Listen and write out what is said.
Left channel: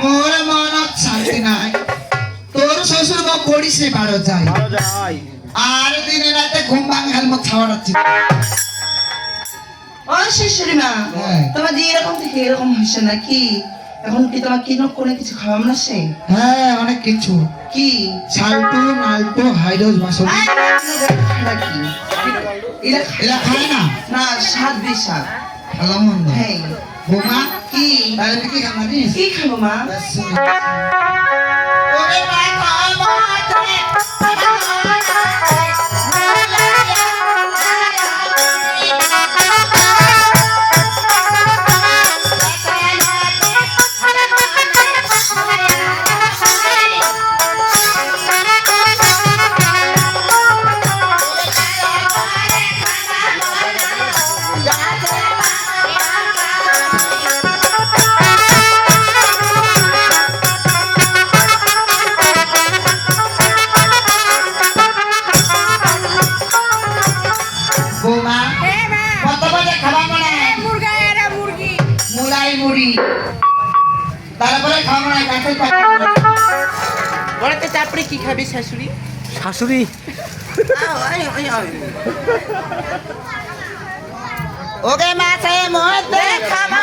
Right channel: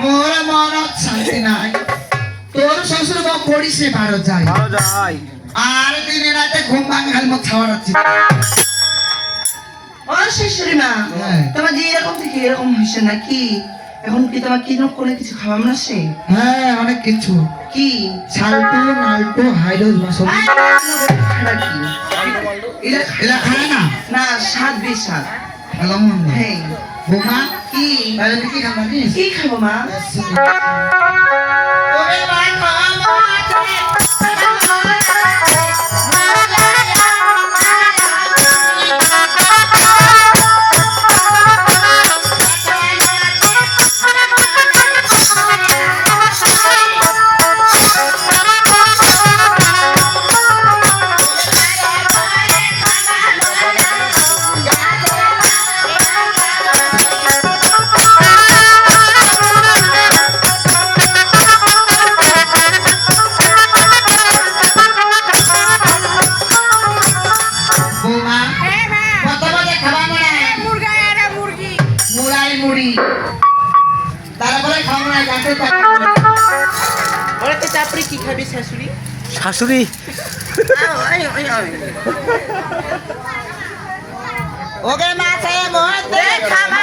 মোর মনত শান্তি নাই তোর শ্বশুর বাপ পড়িস ভালো যায় আর দিনে রাতে ঘুম ভাঙাল মত ছাওয়াচ্ছি ও শাশুড়ি মা তোমার যে এরকম থেকে এরকম হয়েছে নাকি এখন কি তোমার কি কোনো কিছু খাওয়াম না সে হ্যাঁ অনেক কিছু কি সালটু নালটু হাইড্রোজ বাসন নাকি এলা খায় না না স্বাদ বিষাদ ভালো মন্দ হ্যাঁ বৌমা কি তাহলে তুই কি খাবো জানিস কি খাবো মা ওরে মা খাবো মুড়ি তারপরে খাবো না গাছের পাতা বলে তো তারপরে কি খাবে শাশুড়ি শাশুড়ি ওকে মাছে মধ্যে খাবা